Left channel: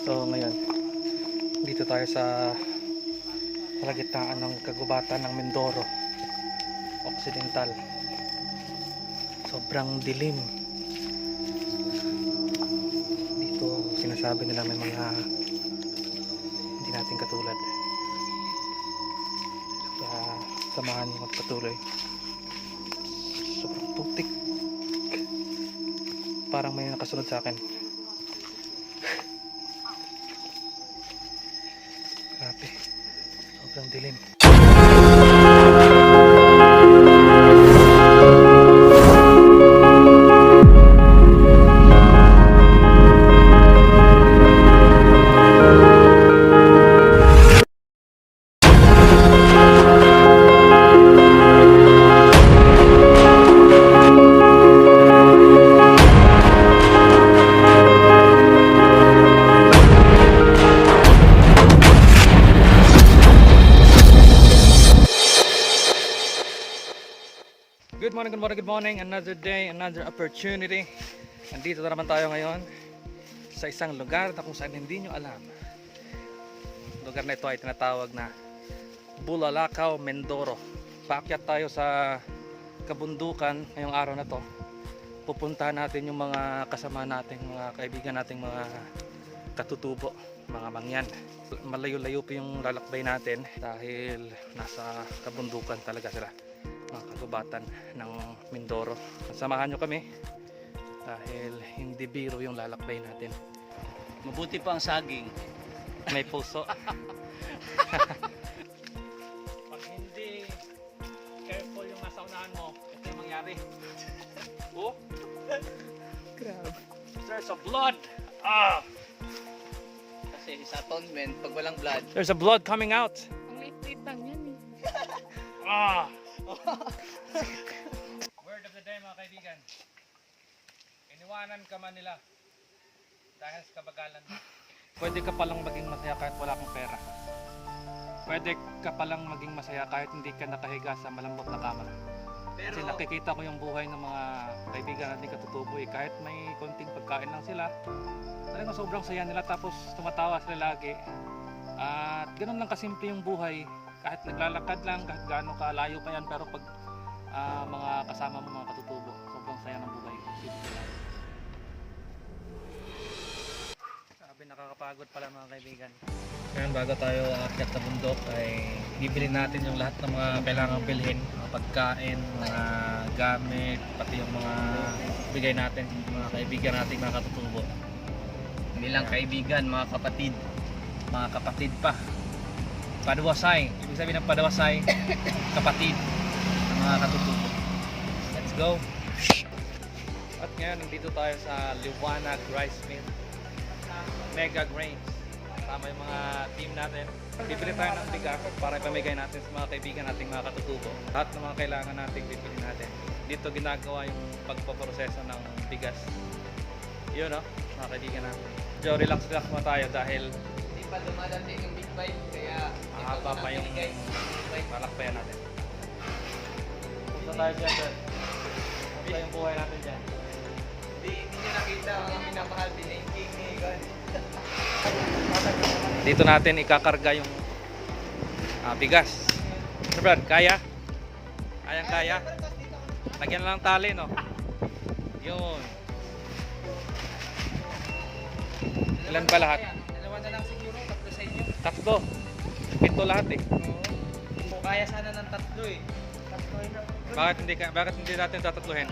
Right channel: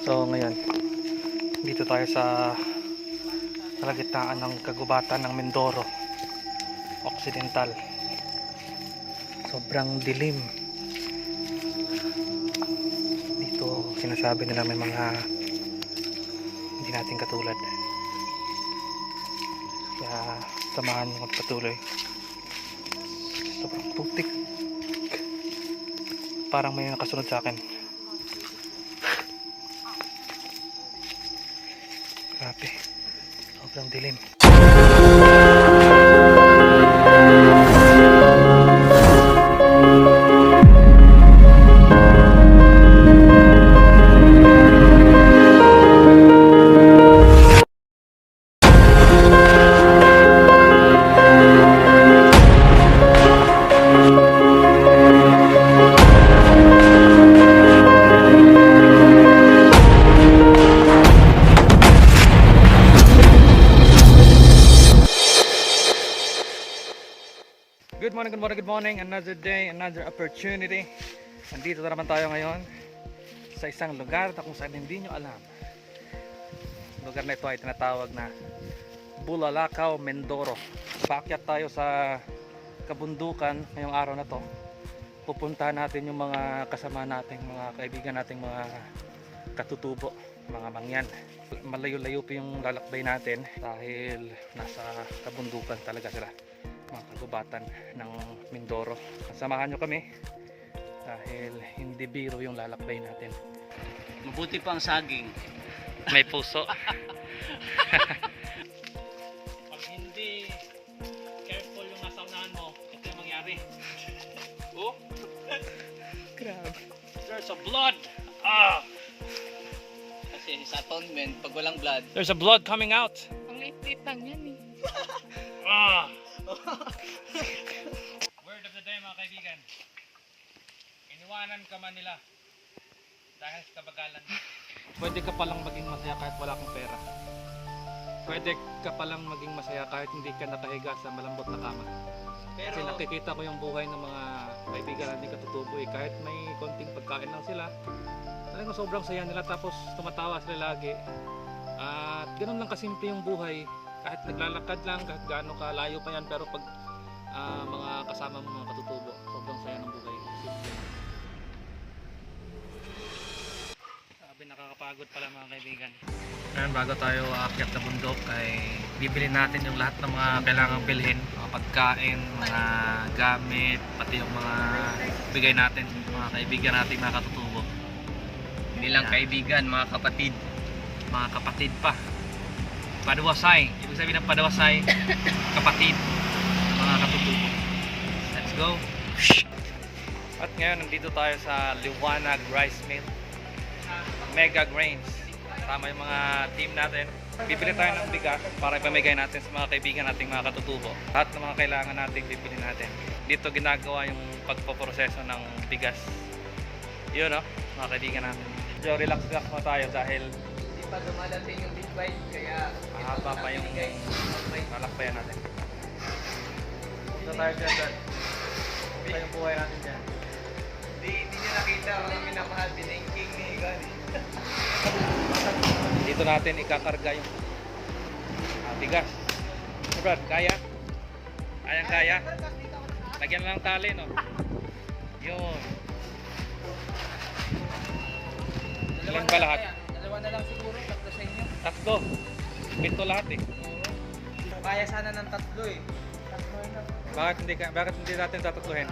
So ngayon, dito tayo sa kalagitnaan ng kagubatan ng Mindoro Occidental. Sobrang dilim. Dito sinasabi nila may mga hindi natin katulad. Kaya samahan nyo magpatuloy. Sobrang putik. Parang may nakasunod sa akin. Grabe. Sobrang dilim. Good morning. Another day, another opportunity. Nandito na naman tayo ngayon sa isang lugar na kung saan hindi nyo alam. Lugar na ito ay tinatawag na Bulalakaw, Mindoro. Paakyat tayo sa kabundukan ngayong araw na to. Pupuntahan natin yung mga kasama nating mga kaibigan nating mga katutubo, mga mangyan. Malayo-layo po yung lalakbay natin dahil nasa kabundukan talaga sila, mga kagubatan ng Mindoro. Samahan nyo kami dahil hindi biro yung lalakbay natin. Mabuti pa ang saging. May puso. Pag hindi careful yung nasa unahan mo, ito yung mangyari. Oh? Grabe. There's a blood. Ah! Kasi sa atonement, pag walang blood, There's a blood coming out. Ang liit-liit lang yan eh. ah! Word of the day, mga kaibigan. Iniwanan ka man nila dahil sa kabagalan. Pwede ka palang maging masaya kahit wala kang pera. Pwede ka palang maging masaya kahit hindi ka nakahiga sa malambot na kama. Kasi nakikita ko yung buhay ng mga kaibigan natin katutubo eh. Kahit may konting pagkain lang sila, talagang sobrang saya nila, tapos tumatawa sila lagi. At ganoon lang kasimple yung buhay. Kahit naglalakad lang, kahit gaano kalayo pa yan, pero pag mga kasama mo mga katutubo, sobrang saya ng buhay. Simple lang. Sabi, nakakapagod pala mga kaibigan. Ngayon, bago tayo aakyat sa bundok ay bibili natin yung lahat ng mga kailangang bilhin, mga pagkain, mga gamit, pati yung mga bigay natin, mga kaibigan natin, mga katutubo. Hindi lang kaibigan, mga kapatid. Mga kapatid pa. Padawasay, ibig sabihin ng padawasay, kapatid ng mga katutubo. Let's go. At ngayon nandito tayo sa Liwanag Rice Mill, Mega Grains. Kasama yung mga team natin. Bibili tayo ng bigas para ipamigay natin sa mga kaibigan nating mga katutubo. Lahat ng mga kailangan natin bibili natin. Dito ginagawa yung pagpoproseso ng bigas. Yun o, mga kaibigan natin. So relax muna tayo dahil Hindi pa dumadating yung big bite, kaya mahaba pa yung malakbayan natin. Punta tayo dyan, Dad. Punta yung buhay natin dyan. Hindi niya nakita ang minamahal, pinaiking ni Egan. Dito natin ikakarga yung bigas. Sir Brad, kaya? Kaya? Lagyan lang ng tali, no? Yun. Ilan ba lahat? Dalawa na lang siguro, tatlo sa inyo. Tatlo. Ito lahat eh. Kung kaya sana ng tatlo eh. Bakit hindi natin tatatluhin?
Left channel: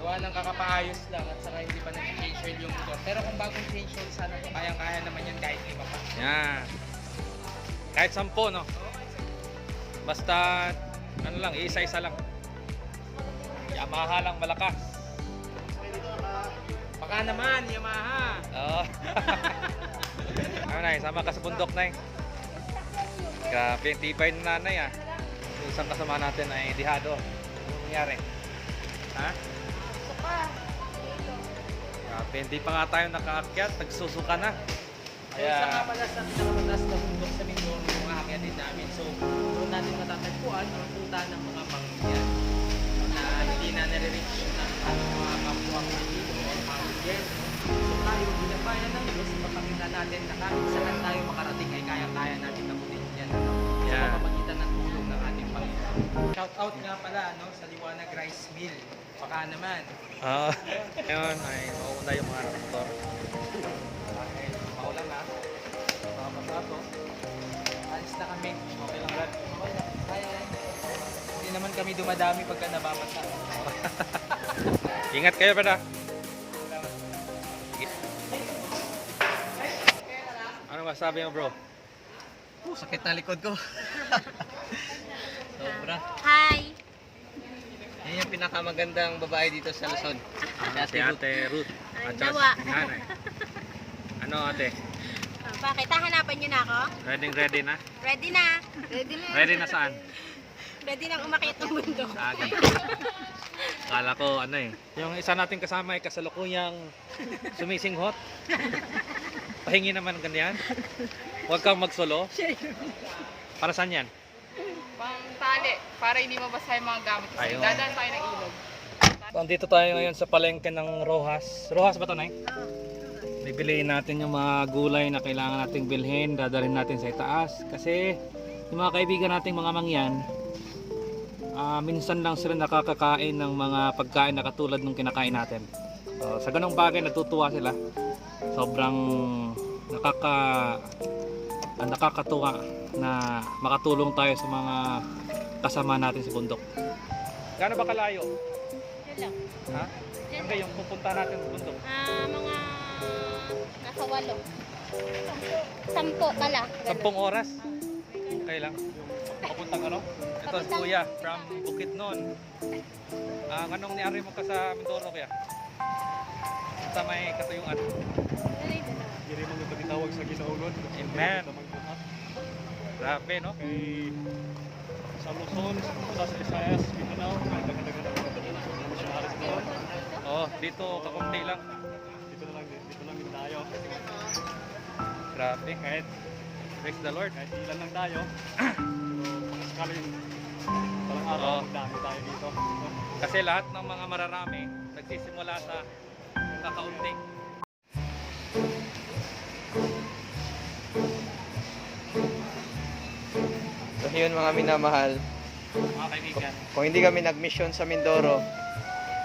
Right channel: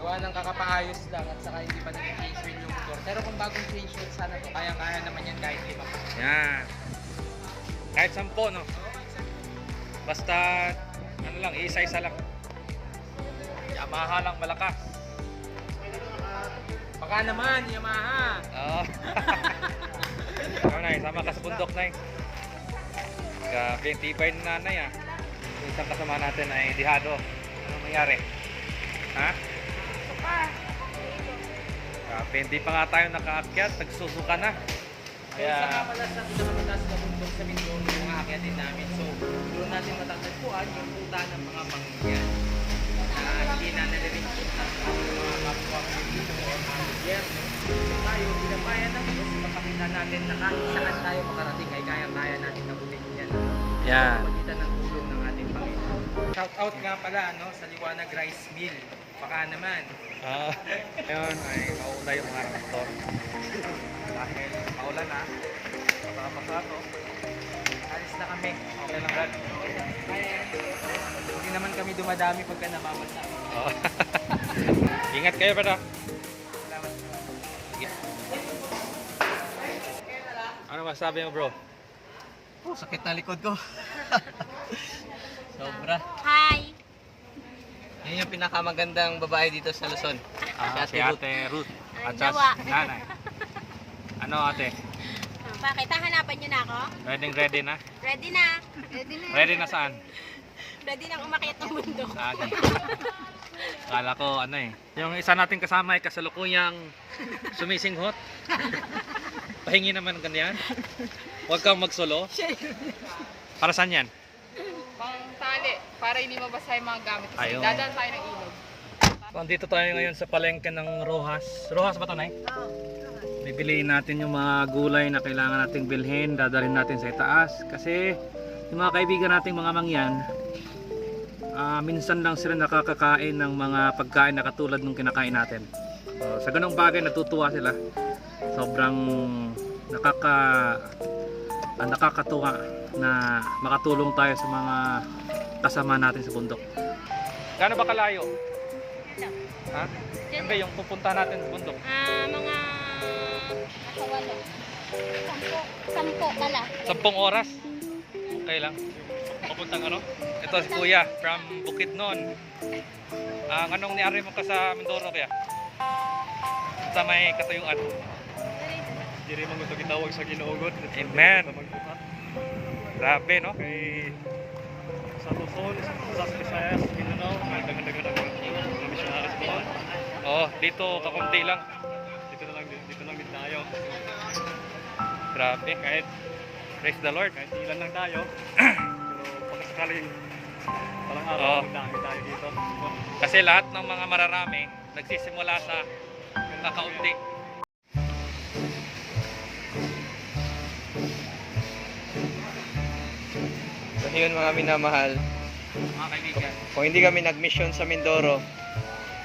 Gawa ng kakapaayos lang at saka hindi pa nag-change oil yung motor. Pero kung bagong change oil sana to, kaya naman yan kahit lima pa. Yan. Kahit 10, no? Basta, ano lang, isa-isa lang. Yamaha lang malakas. Baka naman, Yamaha! Oo. Ano na, sama ka sa bundok na eh. Grabe, yung tibay ng nanay ah. Yung isang kasama natin ay dihado. Ano nangyari? Ha? Suka. Grabe, hindi pa nga tayo nakaakyat, nagsusuka na. Kaya... So, sa pala sa pinakamataas na bundok sa Mindoro yung aakyatin natin. So, doon natin matatagpuan yung puta ng mga mangyan na hindi na nare-reach yung mga kapwa Pilipino o mga gobyerno. So, tayo binabayan ng Diyos, ipapakita natin na kahit saan tayo makarating ay kaya-kaya natin nabutin yan. Ano? Yeah. Sa pamamagitan ng tulong ng ating Panginoon. Shout out nga pala ano, sa Liwanag Rice Mill. Baka naman. Ngayon ay mauuna yung mga nakamotor. Dahil maulan na. Baka masato. Alis na kami. Okay lang, Brad. Okay lang. Kaya yan. Hindi naman kami dumadami pagka nababasa. Ingat kayo, brada. Ano masabi mo, bro? Sakit na likod ko. Sobra. Hi! Yun yung pinakamagandang babae dito sa Luzon. Si Ate Ruth. Ay, At saka nawa. si nanay. Ano, ate? Oh, bakit? Hahanapan niyo na ako? Ready na? Ready na! Ready na! Ready na saan? Ready na umakyat ng mundo. Ganun. Kala ko, ano eh. Yung isa nating kasama ay kasalukuyang sumisinghot. Pahingi naman ng ganyan. Huwag kang magsolo. Para saan yan? Pang tali, para hindi mabasa yung mga gamit. Kasi Ayun. dadaan tayo ng ilog. Nandito tayo ngayon sa palengke ng Rojas. Rojas ba ito, Nay? Bibiliin natin yung mga gulay na kailangan nating bilhin. Dadalhin natin sa itaas. Kasi yung mga kaibigan nating mga mangyan, minsan lang sila nakakakain ng mga pagkain na katulad nung kinakain natin. So, sa ganung bagay natutuwa sila. Sobrang nakakatuwa na makatulong tayo sa mga kasama natin sa bundok. Gaano ba kalayo? Ha? Yan ba yung pupunta natin sa bundok? Mga nasa 8. 10 pala. 10 oras? Okay lang. Papuntang ano? Ito si Kuya from Bukidnon. Anong niari mo ka sa Mindoro kaya? Sa may katuyuan. Diri man gusto gitawag sa Ginoo. Amen. Grabe no? Kay sa Luzon, sa Visayas, Mindanao, may dagan-dagan ang mga missionaries mo. Oh, dito kakunti lang. Dito lang din tayo. Grabe. Kahit praise the Lord. Kahit ilan lang tayo. Pero pagkasakaling palang araw, Oo. magdami tayo dito. Kasi lahat ng mga mararami nagsisimula sa kakaunti. So yun mga minamahal, Mga kaibigan. kung hindi kami nag-mission sa Mindoro,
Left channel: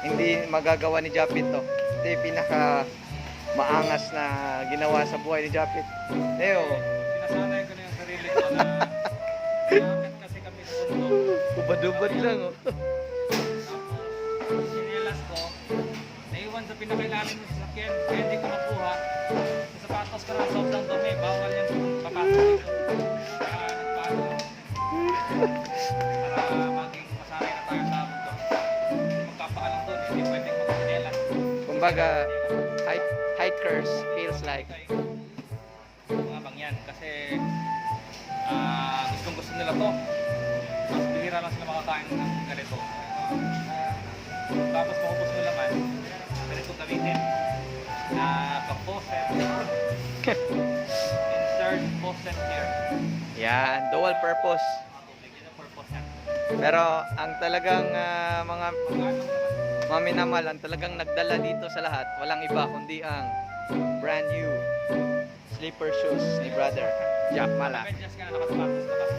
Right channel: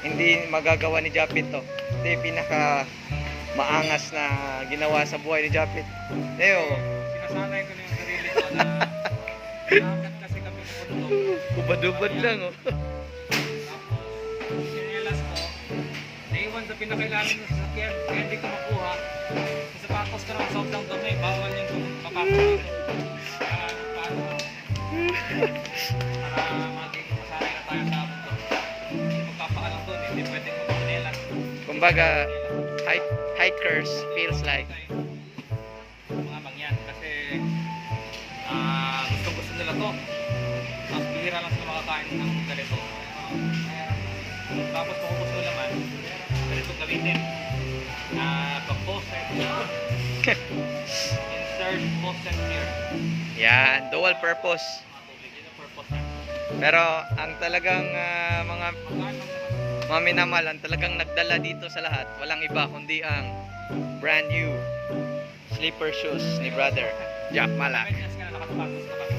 hindi magagawa ni Japit to. Ito yung pinaka maangas na ginawa sa buhay ni Japit. Leo, Sinasanay ko na yung sarili ko na nakakit kasi kami sa bundok. ubad-ubad lang oh. Sinilas ko, naiwan sa pinakailalim ng sasakyan, kaya hindi ko makuha. Sa patos ko ng sobrang dumi, bawal yung papasok dito. Paano? Para maging masanay na tayo sa bundok. Magpapaalam doon, hindi pwedeng magpanelas. Kumbaga, hikers feels like. Mga mangyan, kasi gustong gusto nila to. Mas bihira lang sila makakain ng ganito. Tapos kung gusto naman, ganito gamitin. Pag-post insert post and share. Yan, dual purpose. Purpose. Pero ang talagang mga minamahal, ang talagang nagdala dito sa lahat, walang iba kundi ang brand new slipper shoes ni brother Jack Malak. Medyas ka na nakasapatos na kami.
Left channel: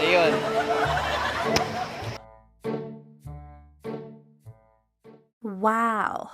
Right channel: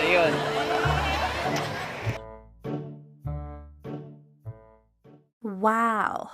Ayun. Wow.